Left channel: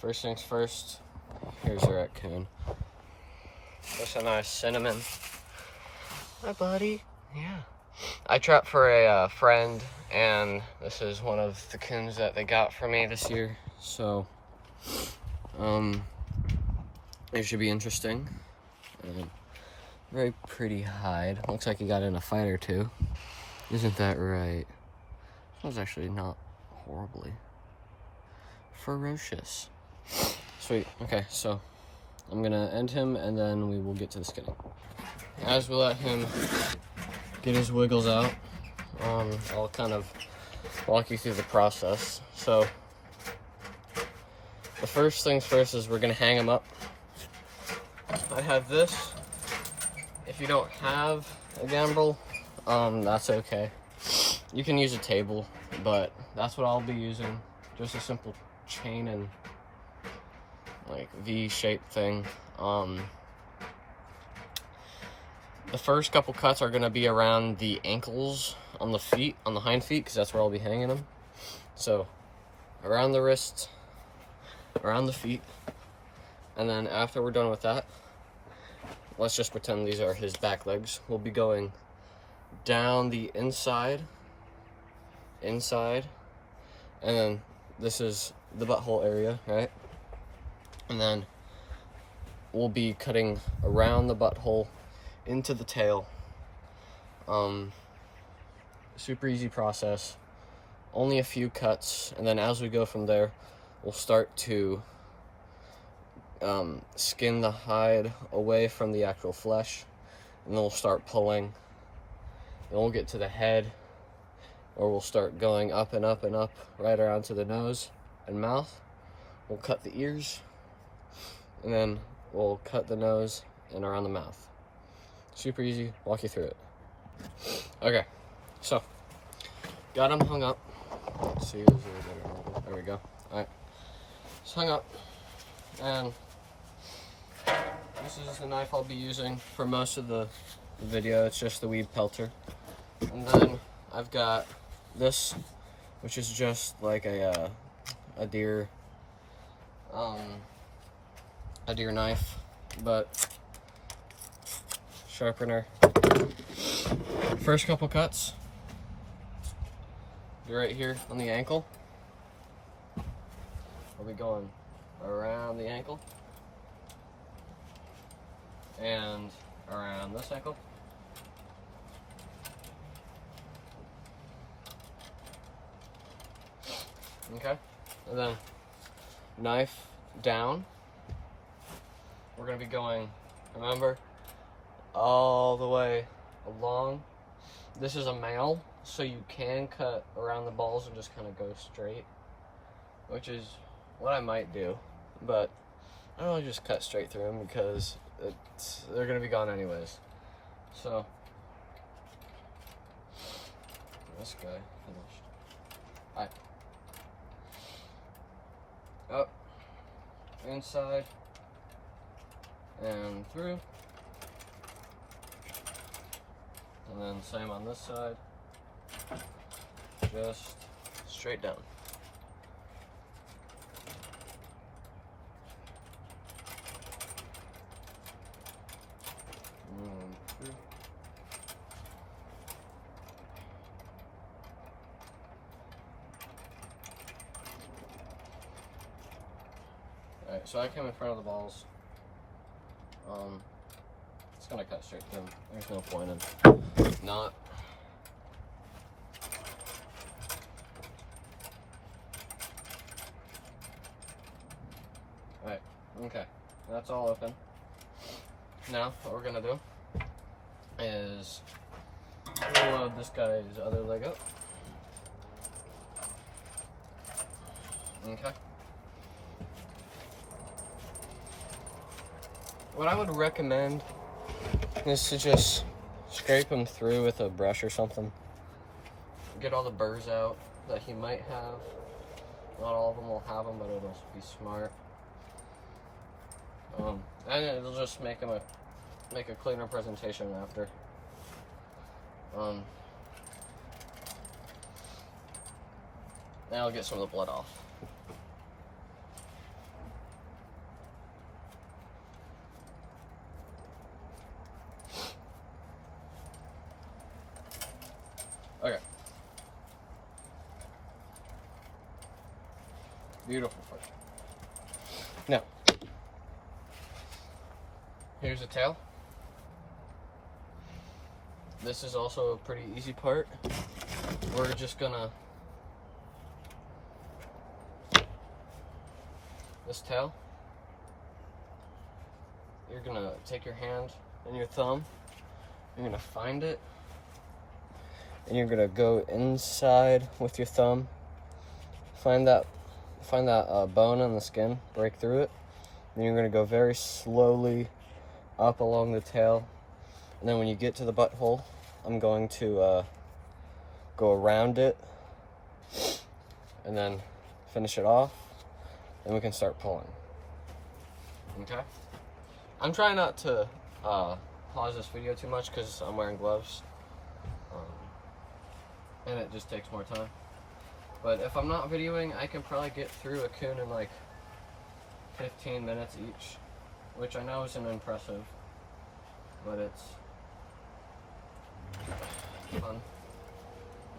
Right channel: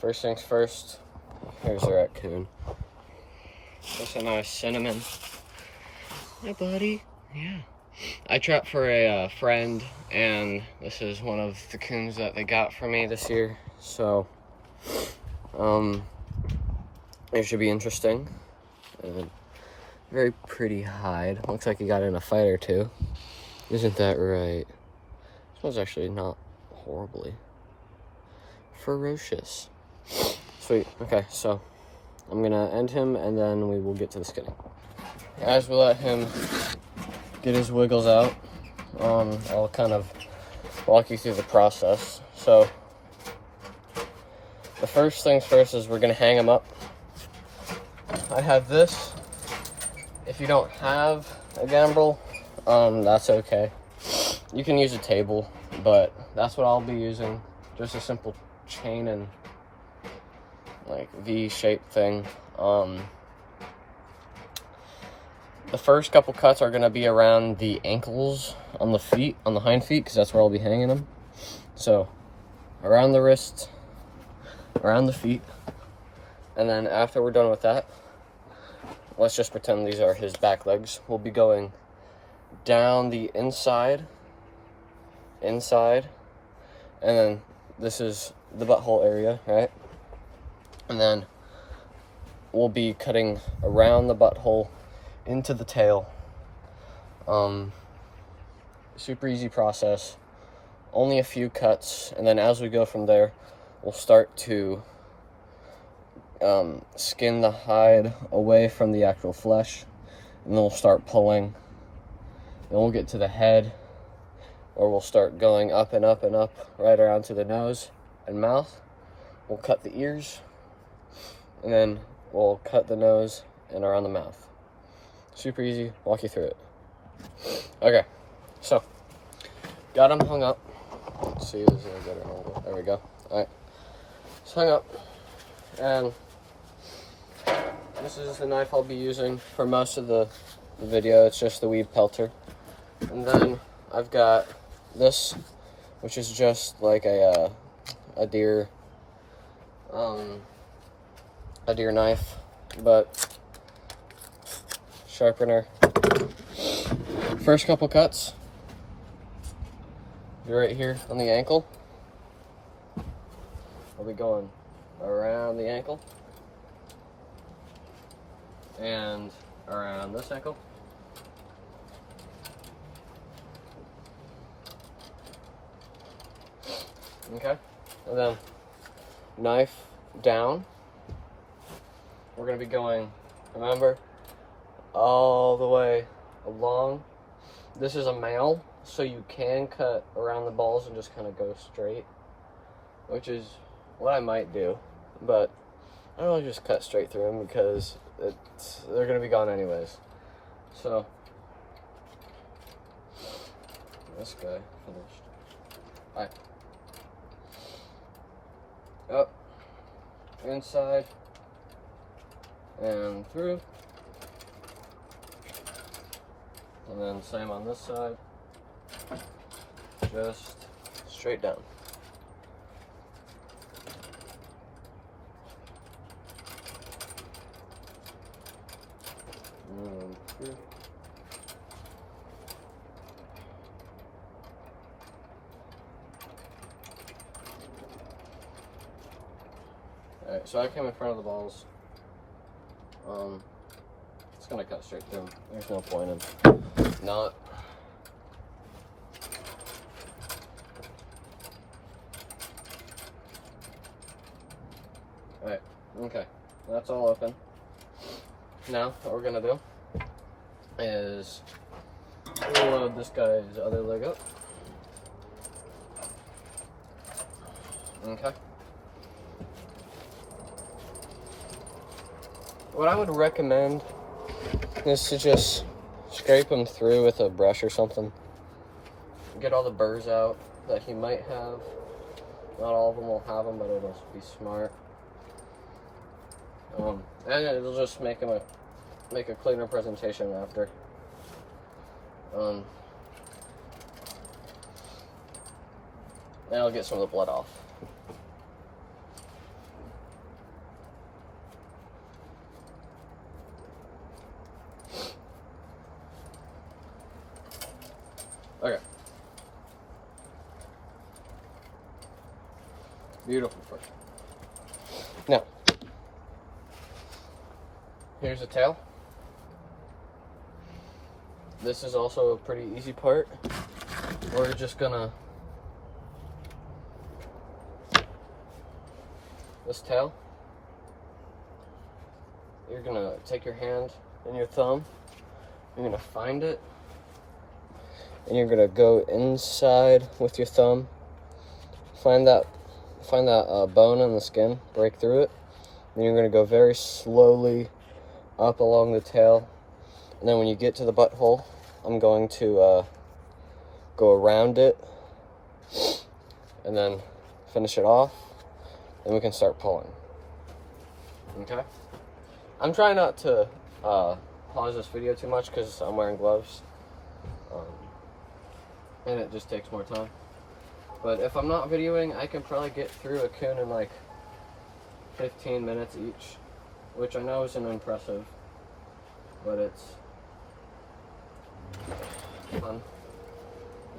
first things first, here's the raccoon. Just a nice cinnamon. Hi, buddy. Yeah. I trapped for a friend, and this is one of the coons that they got for me this year. So, it should be interesting. Very pretty hide. Looks like he got in a fight or two. Isn't that right? This one's actually not horribly ferocious. Sweet. Okay, so I'm gonna end him, and then we will get to the skinning. As we let him get his wiggles out, I'll kind of walk you through the process. So the first things first is we're gonna hang him up. I have this. If you don't have a gimbal, that's okay. You can use a table, but that's what I'll be using. Just a simple chain and like V-shaped thing. The first couple cuts are gonna be around the ankles on the feet, on the hind feet, because that's where I'll be hanging them. So around the wrists, around the feet, and then after we're done with that, let's just pretend these are his back legs. We'll be going down the inside, and then this is the butthole area, right? And then we'll be cutting around the butthole into the tail. Super easy process. Only a few cuts, and then as we go from there, we'll start to skin the hide away from the actual flesh, and then we'll start pulling. Then we'll get to the head, where we'll start going up and up and up, right around to the nose and mouth. We'll cut the ears, and then we'll cut the nose and around the mouth. Super easy, walk you through it. Okay, so, got him hung up. Let's see, is there a good angle? There we go. Alright, it's hung up, and this is the knife I'll be using for most of the video. It's just the weed pelter. And then I've got this, which is just like a deer knife, but sharpener. First couple cuts, you're right here on the ankle. I'll be going around the ankle and around this ankle. Okay, and then knife down. We're gonna be going, remember, all the way along. This is a male, so you can cut around the balls and just kind of go straight, which is what I might do, but I don't want to just cut straight through them because they're gonna be gone anyways. So this guy finished. All right. Up, inside, and through, and then same on this side, just straight down. And through. Alright, so I came in front of the balls. It's gonna cut straight through. There's no point in not. Alright, okay. That's all open. Now, what we're gonna do is load this guy's other leg up. Okay. What I would recommend is to just scrape them through with a brush or something. Get all the burrs out that he might have. Not all of them will have them, but it'll be smart. And it'll just make a cleaner presentation after. And I'll get some of the blood off. Okay. Beautiful fish. Now, here's the tail. This is also a pretty easy part. We're just gonna, this tail, you're gonna take your hand and your thumb, you're gonna find it, and you're gonna go inside with your thumb, find that bone in the skin, break through it, and you're gonna go very slowly up along the tail, and then when you get to the butthole, I'm going to go around it, and then finish it off, and we can start pulling. Okay? I'm trying not to pause this video too much because I'm wearing gloves, and it just takes more time. But if I'm not videoing, I can probably get through a coon in like 15 minutes each, which I know isn't impressive, but it's fun.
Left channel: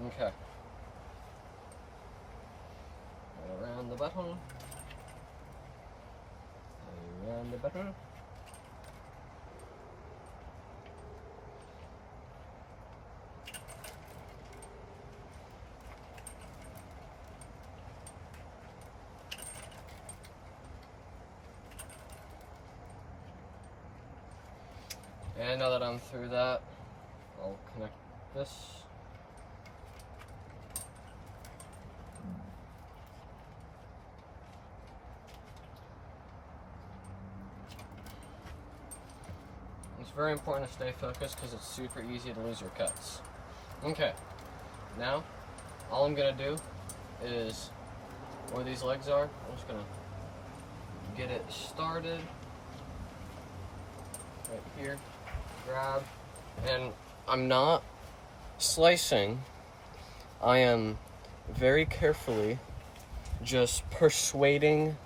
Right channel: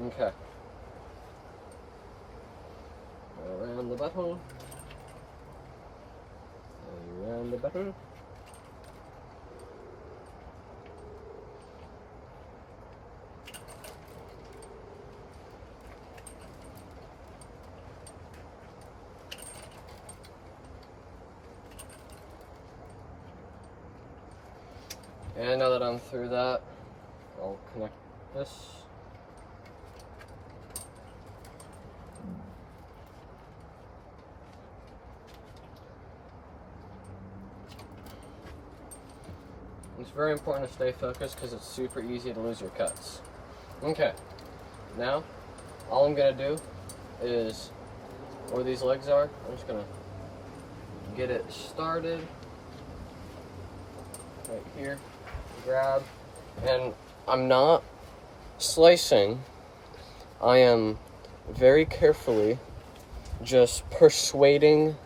Okay. Around the butthole. Around the butthole. And now that I'm through that, I'll connect this. It's very important to stay focused because it's super easy to lose your cuts. Okay, now all I'm gonna do is where these legs are, I'm just gonna get it started right here, grab, and I'm not slicing, I am very carefully just persuading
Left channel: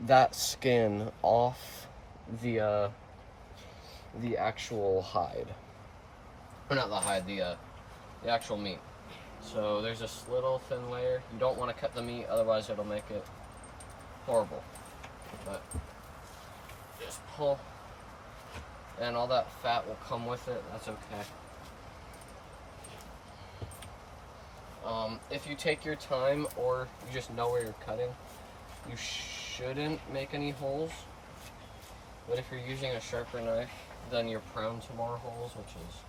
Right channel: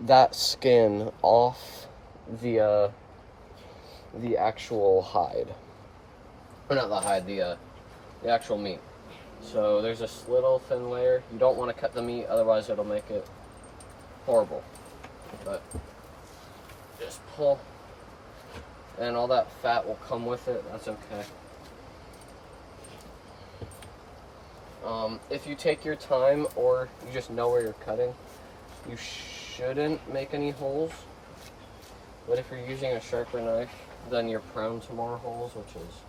that skin off the actual hide. Or not the hide, the actual meat. So there's this little thin layer. You don't want to cut the meat, otherwise it'll make it horrible. But just pull, and all that fat will come with it. That's okay. If you take your time or you just know where you're cutting, you shouldn't make any holes. But if you're using a sharper knife, then you're prone to more holes, which is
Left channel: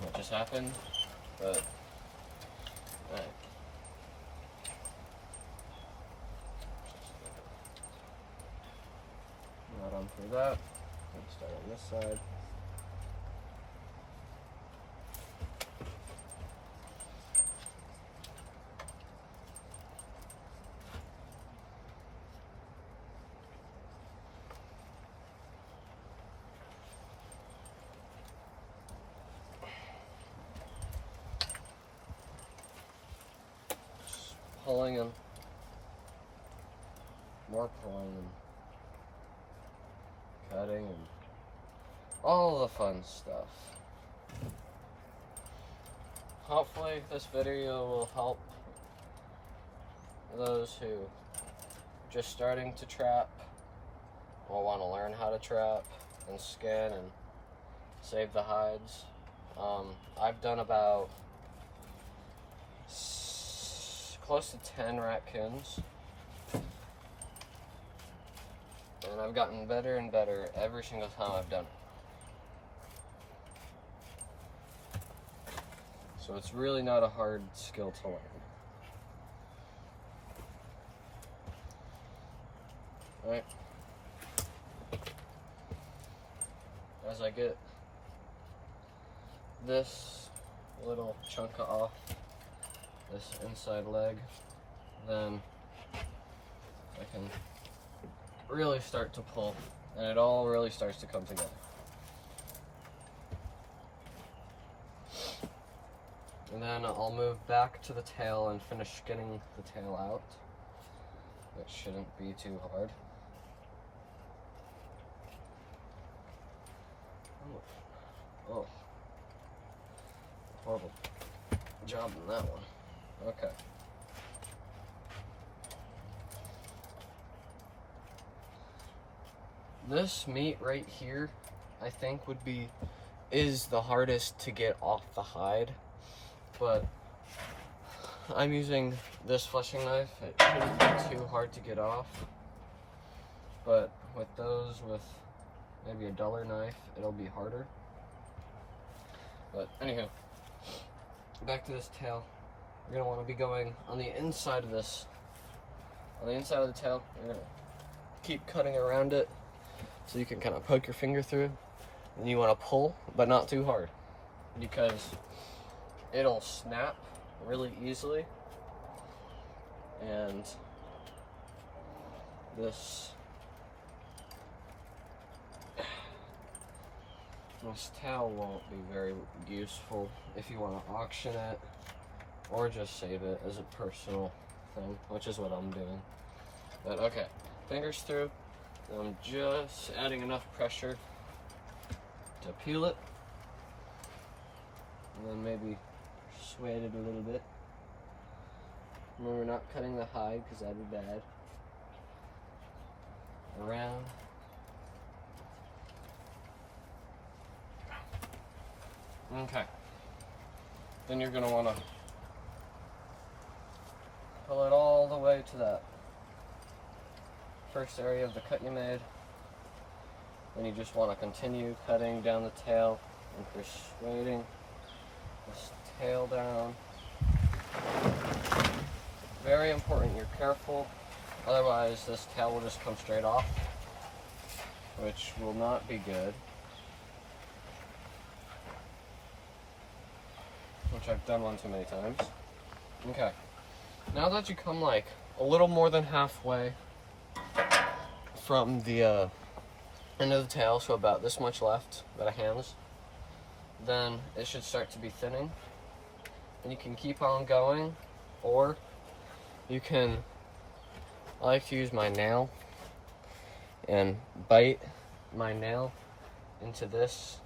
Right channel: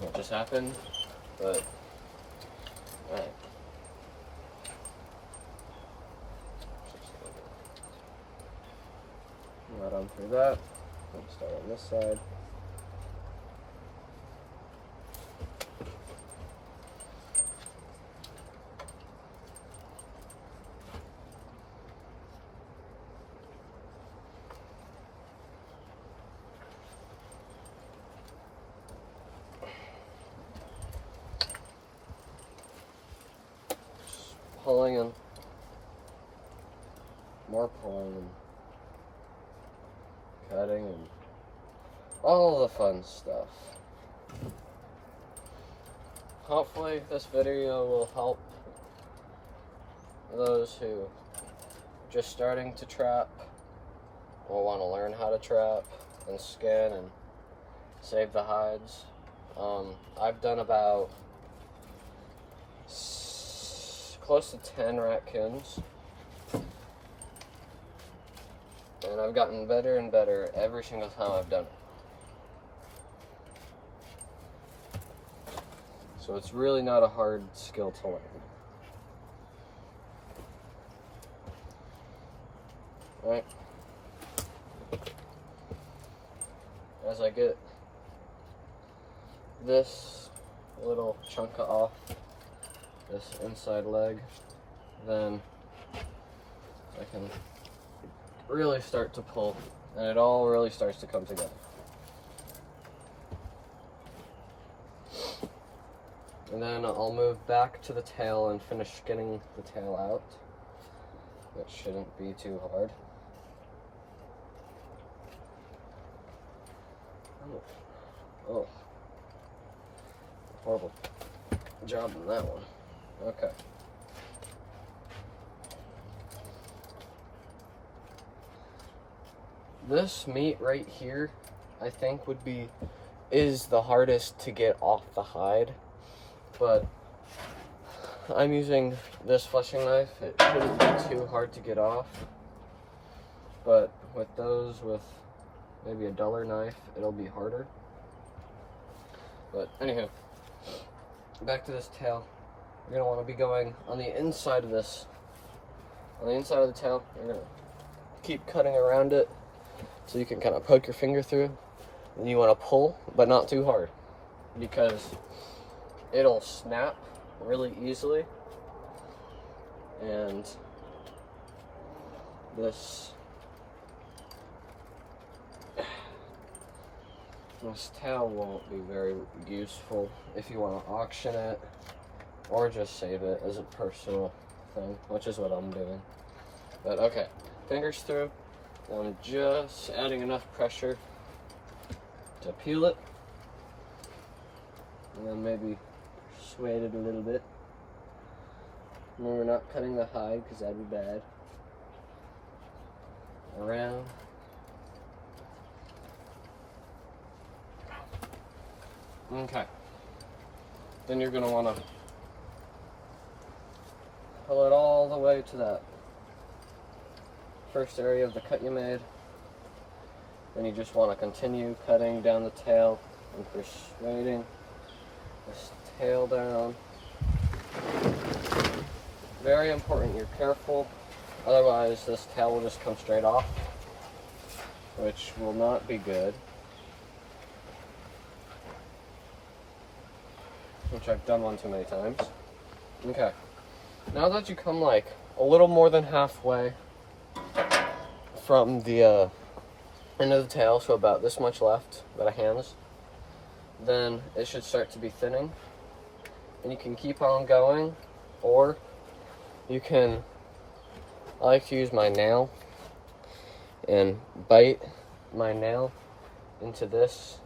what just happened. But alright. Not on through that. Let's start on this side. Pulling and more pulling and cutting and all the fun stuff. Hopefully this video will help those who are just starting to trap, will want to learn how to trap and skin and save the hides. I've done about close to 10 raccoons, and I've gotten better and better every single time I've done it. So it's really not a hard skill to learn. Right? As I get this little chunk off this inside leg, then I can really start to pull, and it all really starts to come together. And then I'll move back to the tail and finish skinning the tail out, which shouldn't be too hard. Oh. Horrible job on that one. Okay. This meat right here, I think is the hardest to get off the hide, but I'm using this fleshing knife. It shouldn't be too hard to get off, but with maybe a duller knife, it'll be harder. But anyhow, back to this tail. You're gonna want to be going on the inside of this. On the inside of the tail, you're gonna keep cutting around it so you can kind of poke your finger through. And you want to pull, but not too hard, because it'll snap really easily. And this tail won't be very useful if you want to auction it or just save it as a personal thing, which is what I'm doing. But okay, fingers through. I'm just adding enough pressure to peel it, and then maybe sway it a little bit. No, we're not cutting the hide because that'd be bad. Around. Okay. Then you're going to want to pull it all the way to that first area of the cut you made. Then you just want to continue cutting down the tail and persuading this tail down. Very important, you're careful, otherwise this tail will just come straight off, which will not be good. Which I've done one too many times. Okay, now that you come like a little more than halfway from the end of the tail, so about this much left, about a hand's, then it should start to be thinning. And you can keep on going, or you can, I like to use my nail and bite my nail into this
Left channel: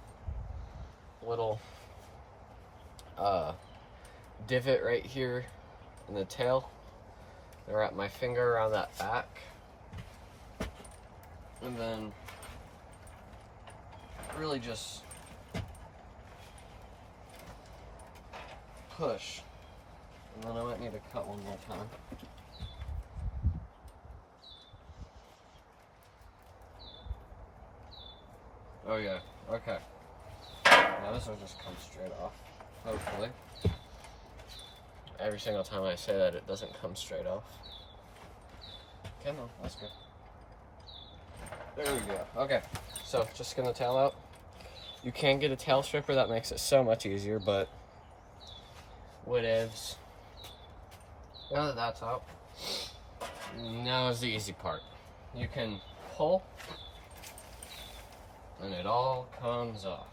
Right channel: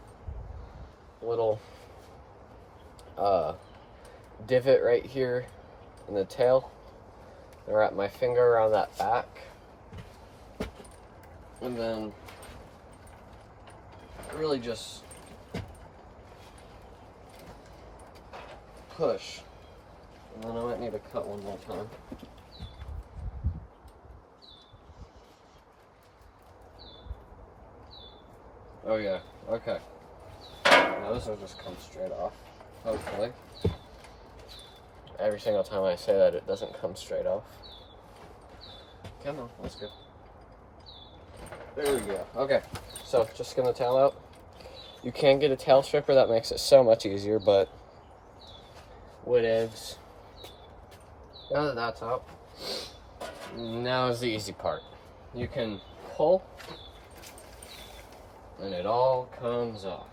little divot right here in the tail, and wrap my finger around that back, and then really just push. And then I might need to cut one more time. Oh yeah, okay. Now this will just come straight off, hopefully. Every single time I say that, it doesn't come straight off. Come on, that's good. There we go. Okay, so just skin the tail out. You can get a tail stripper, that makes it so much easier, but whatevs. Now that that's out, now is the easy part. You can pull, and it all comes off.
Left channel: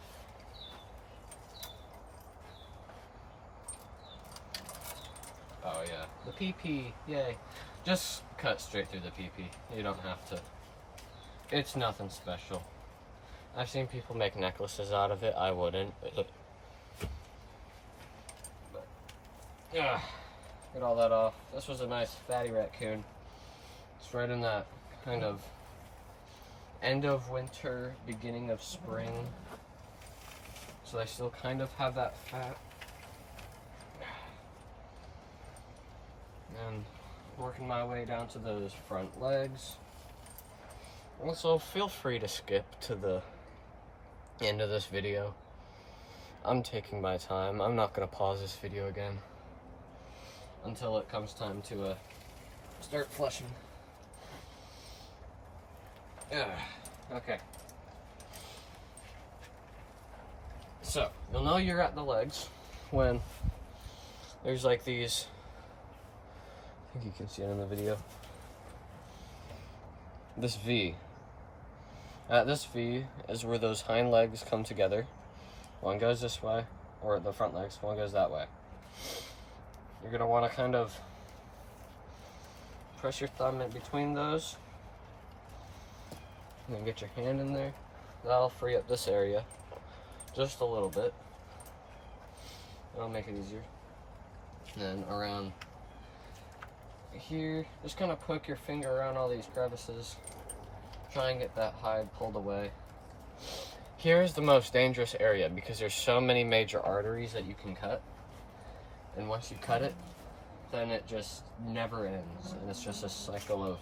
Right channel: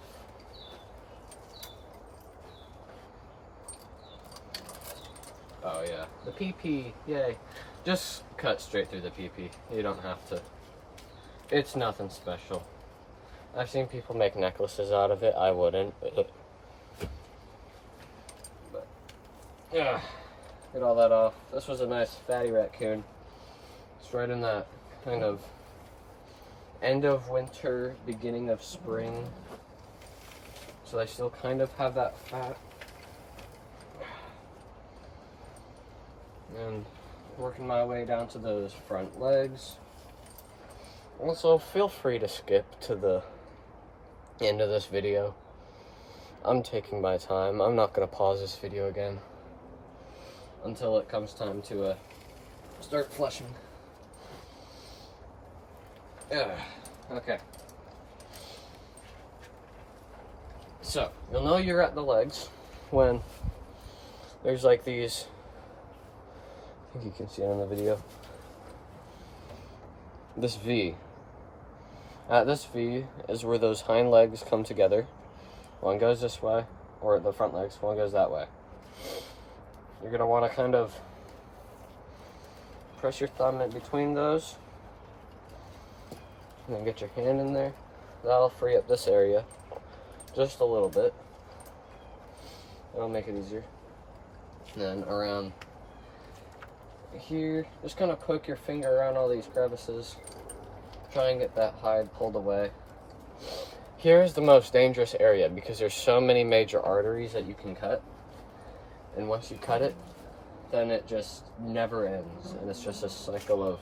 Oh yeah, the PP, yay. Just cut straight through the PP. You don't have to. It's nothing special. I've seen people make necklaces out of it. I wouldn't. But yeah, get all that off. This was a nice fatty raccoon. It's right in that kind of end of winter, beginning of spring. So they still kind of have that fat. And working my way down to those front legs. Also, feel free to skip to the end of this video. I'm taking my time. I'm not going to pause this video again until it comes time to start flushing. Yeah, okay. So, you'll know you're at the legs when there's like these, I think you can see it on the video, this V. At this V is where those hind legs come together. One goes this way, or the front legs, one goes that way. You're gonna wanna kind of press your thumb in between those, and then get your hand in there. That'll free up this area just a little bit. That'll make it easier. And then around here, just kind of poke your finger around all these crevices. Try and get that hide pulled away. Here is the most dangerous area because there's so many major arteries that you can cut. And once you cut it, then it just never ends. And it's just a cycle of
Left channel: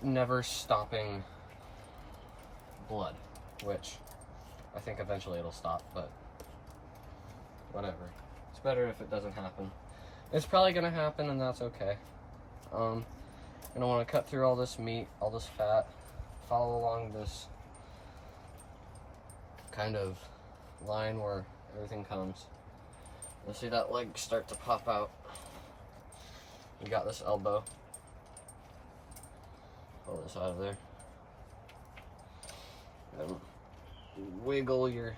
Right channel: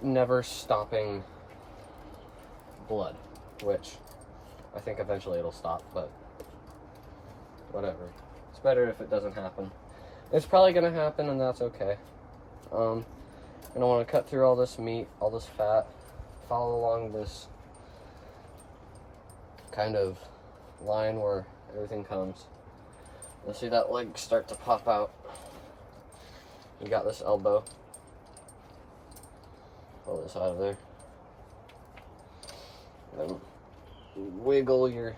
never stopping blood, which I think eventually it'll stop, but whatever. It's better if it doesn't happen. It's probably gonna happen, and that's okay. And I want to cut through all this meat, all this fat, follow along this kind of line where everything comes. You'll see that leg start to pop out. You got this elbow. Pull this out of there. Then wiggle your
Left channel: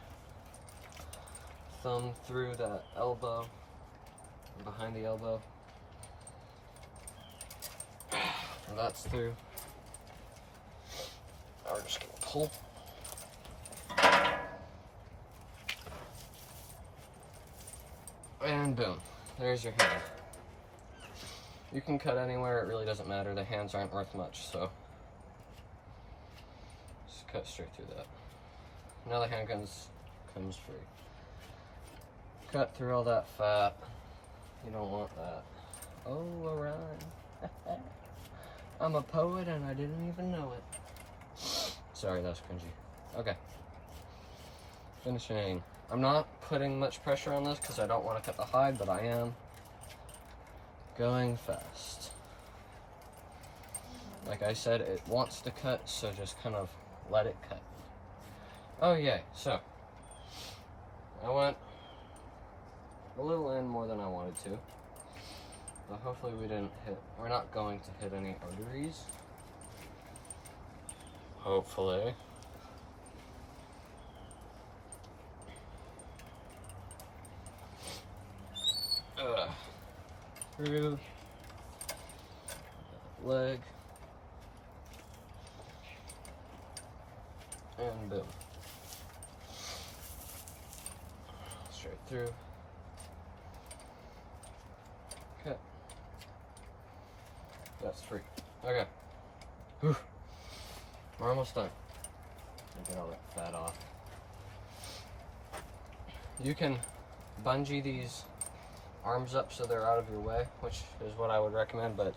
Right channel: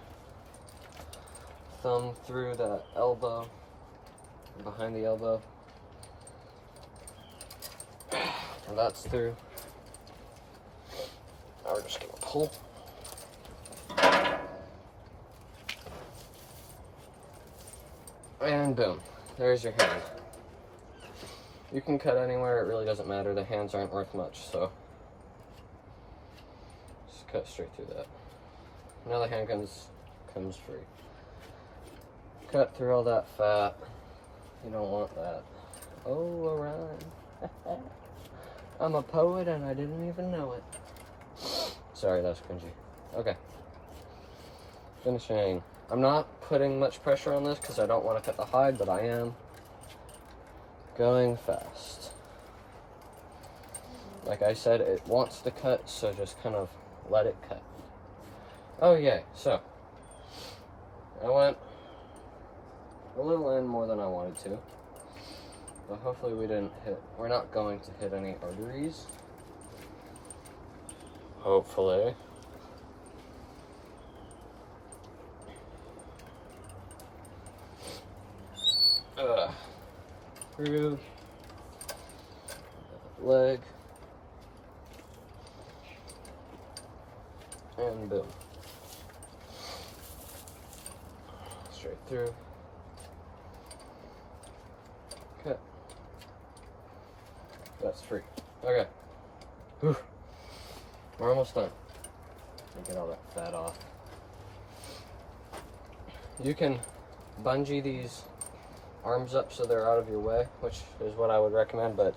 thumb through the elbow, behind the elbow. And that's through. Now we're just gonna pull. And boom, there's your hand. You can cut anywhere, it really doesn't matter. The hands aren't worth much, so just cut straight through that. Now the hand comes free. Cut through all that fat. You don't want that. Oh, around. I'm a poet and I didn't even know it. Sorry, that's cringy. Okay. Finishing. I'm not putting much pressure on this because I don't want to cut the hide, but I am going fast. Like I said, it wants to cut, so just kind of let it cut. Okay, so I went a little in more than I wanted to, but hopefully we're not going to hit any arteries. Hopefully. Through leg, and boom, straight through, cut, that's free. Okay, whew. We're almost done. Get all that fat off. You can bungee these arms up so they're out of your way, which is what I would recommend, but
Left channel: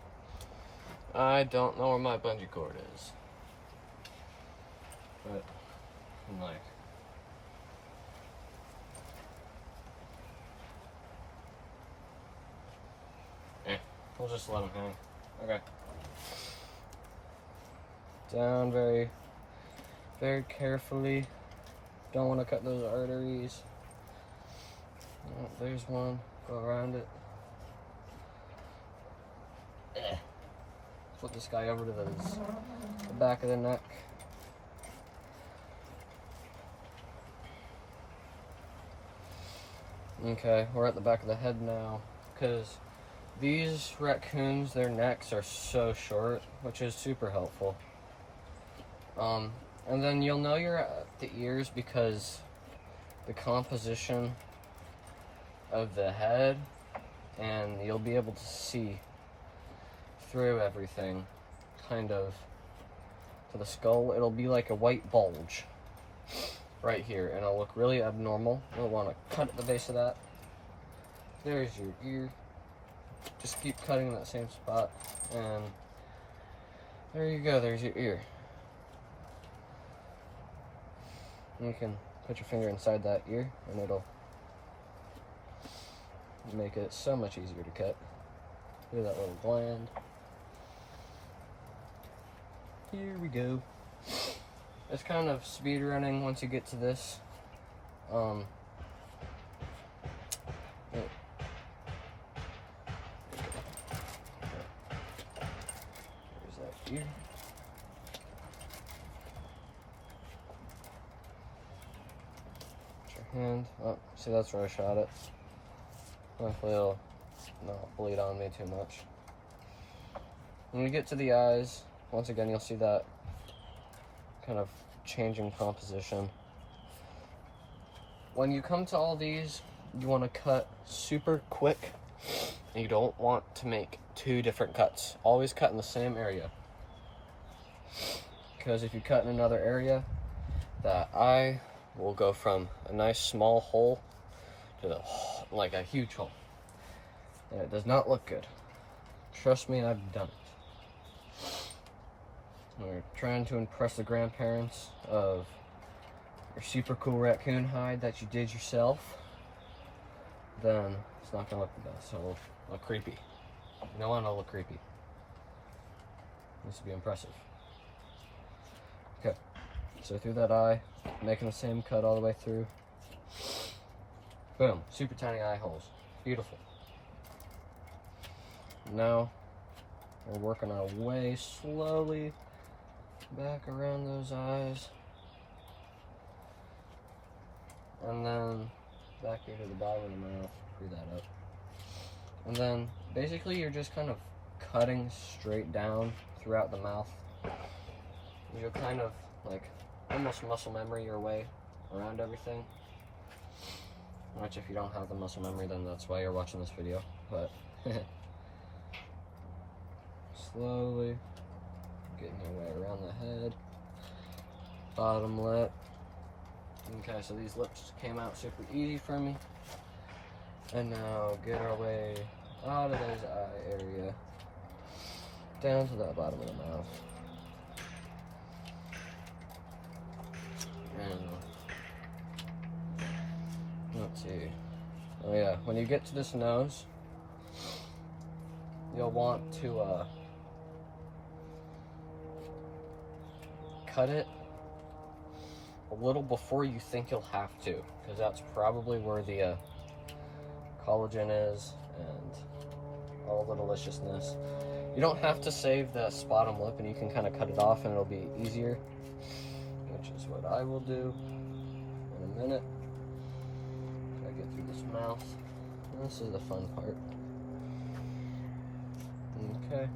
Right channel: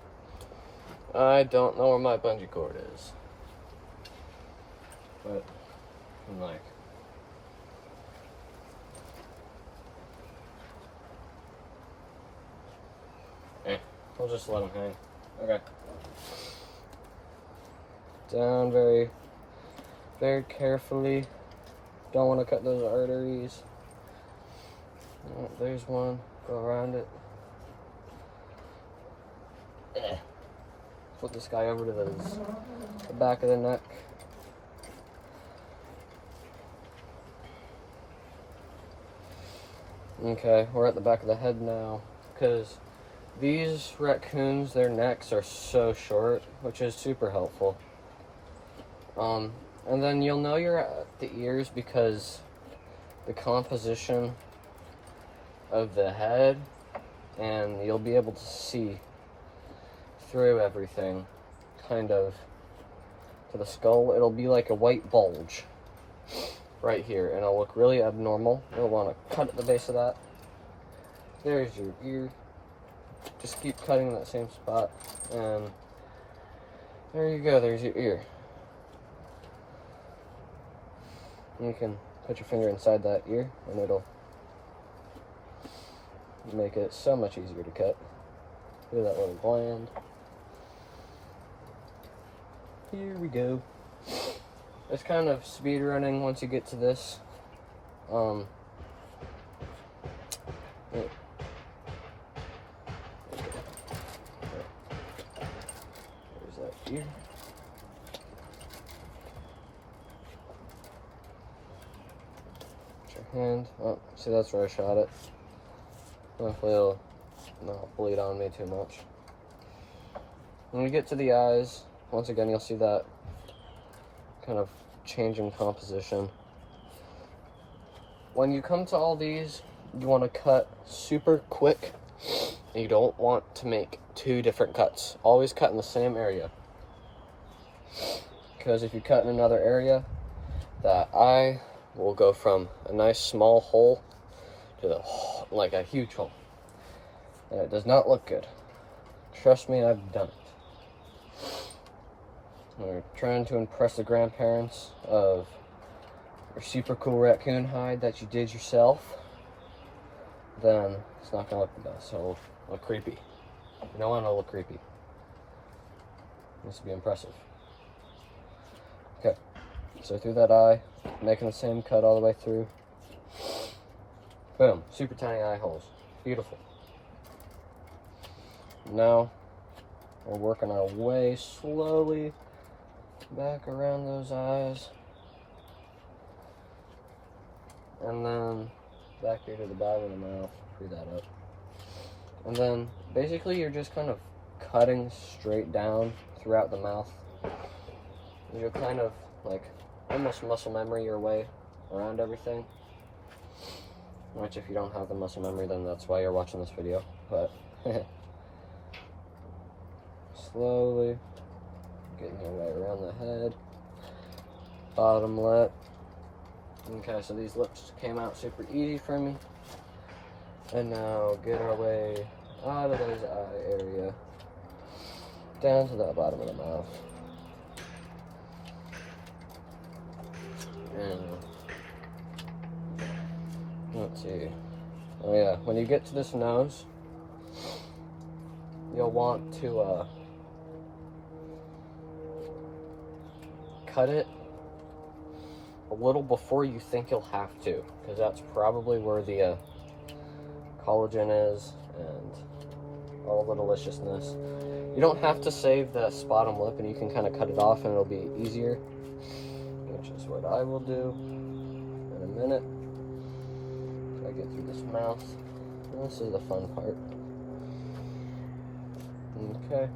I don't know where my bungee cord is. But I'm like, we'll just let them hang. Okay. Down very, very carefully. Don't want to cut those arteries. Oh, there's one. Go around it. Flip this guy over to the back of the neck. Okay, we're at the back of the head now, because these raccoons, their necks are so short, which is super helpful. And then you'll know you're at the ears because the composition of the head, and you'll be able to see through everything, kind of, to the skull. It'll be like a white bulge right here, and it'll look really abnormal. You'll want to cut at the base of that. There's your ear. Just keep cutting that same spot, and there you go, there's your ear. And you can put your finger inside that ear, and it'll make it so much easier to cut. Look at that little gland. Here we go. It's kind of speed running once you get to this. Yeah. There's that ear. Put your hand. Oh, see, that's where I shot it. Hopefully it'll not bleed on me too much. When we get to the eyes, once again, you'll see that kind of change in composition. when you come to all these, you want to cut super quick. And you don't want to make 2 different cuts. Always cut in the same area. Because if you cut in another area, that eye will go from a nice small hole to like a huge hole. And it does not look good. Trust me, I've done it. We're trying to impress the grandparents of your super cool raccoon hide that you did yourself, then it's not gonna look the best. So it'll look creepy. You don't want it to look creepy. It needs to be impressive. Okay, so through that eye, making the same cut all the way through. Boom, super tiny eye holes. Beautiful. Now, we're working our way slowly back around those eyes. And then back here to the bottom of the mouth, screw that up. And then basically you're just kind of cutting straight down throughout the mouth. You're kind of like almost muscle memory your way around everything. Which if you don't have the muscle memory, then that's why you're watching this video. But slowly getting your way around the head, bottom lip. Okay, so these lips came out super easy for me. And now get our way out of those eye area, down to that bottom of the mouth. And let's see. Oh yeah, when you get to this nose, you'll want to cut it a little before you think you'll have to, because that's probably where the collagen is and all the deliciousness. You don't have to save the bottom lip, and you can kind of cut it off and it'll be easier, which is what I will do in a minute. I get through this mouth. This is the fun part. Okay,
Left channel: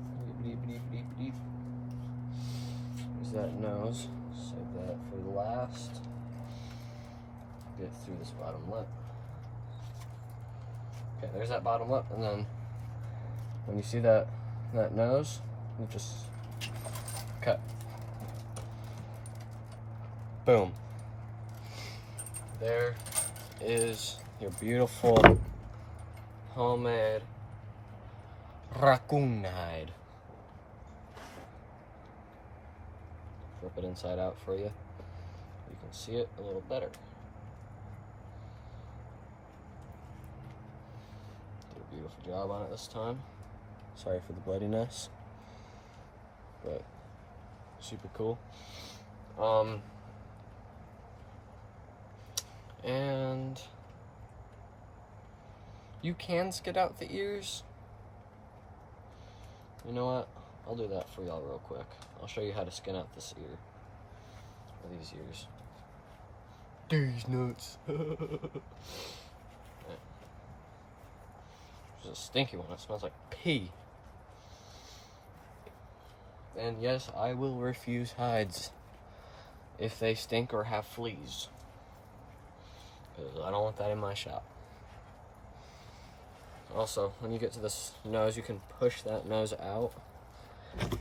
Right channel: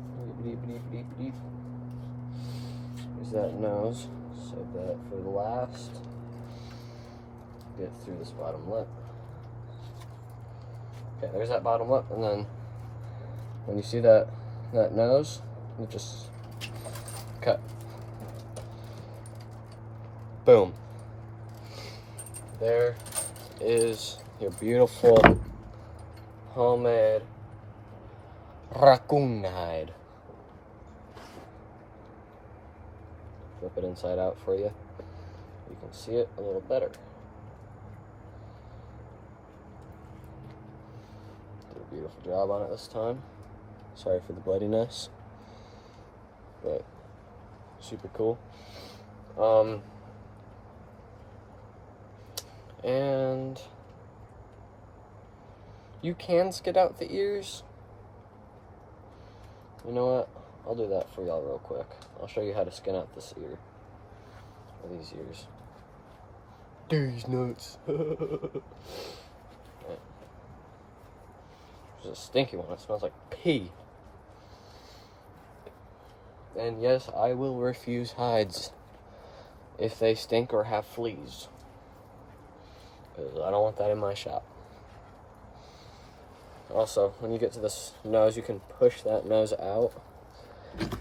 there's that nose, so that for the last, get through this bottom lip. Okay, there's that bottom lip, and then when you see that nose, you just cut. Boom. There is your beautiful homemade raccoon hide. Flip it inside out for you. You can see it a little better. Did a beautiful job on it this time. Sorry for the bloodiness, but super cool. And you can skid out the ears. You know what? I'll do that for y'all real quick. I'll show you how to skin out this ear, or these ears. These nuts. Right. There's a stinky one. It smells like pee. And yes, I will refuse hides if they stink or have fleas, because I don't want that in my shop. Also, when you get to this nose, you can push that nose out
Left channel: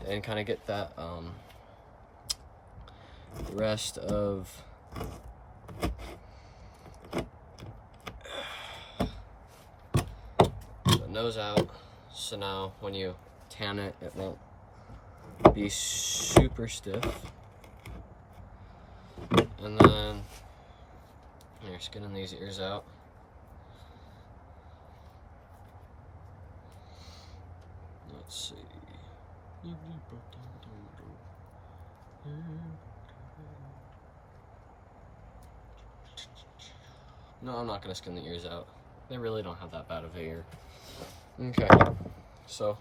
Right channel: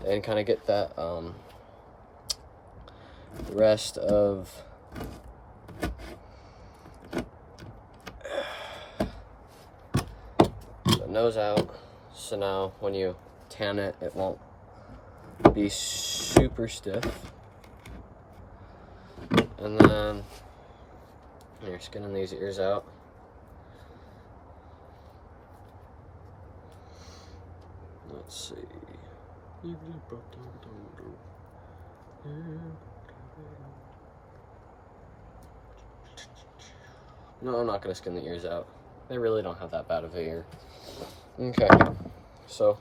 and kind of get that the rest of the nose out. So now when you tan it, it won't be super stiff. And then you're skinning these ears out. Let's see. No, I'm not gonna skin the ears out. They really don't have that bad of an ear. Okay, so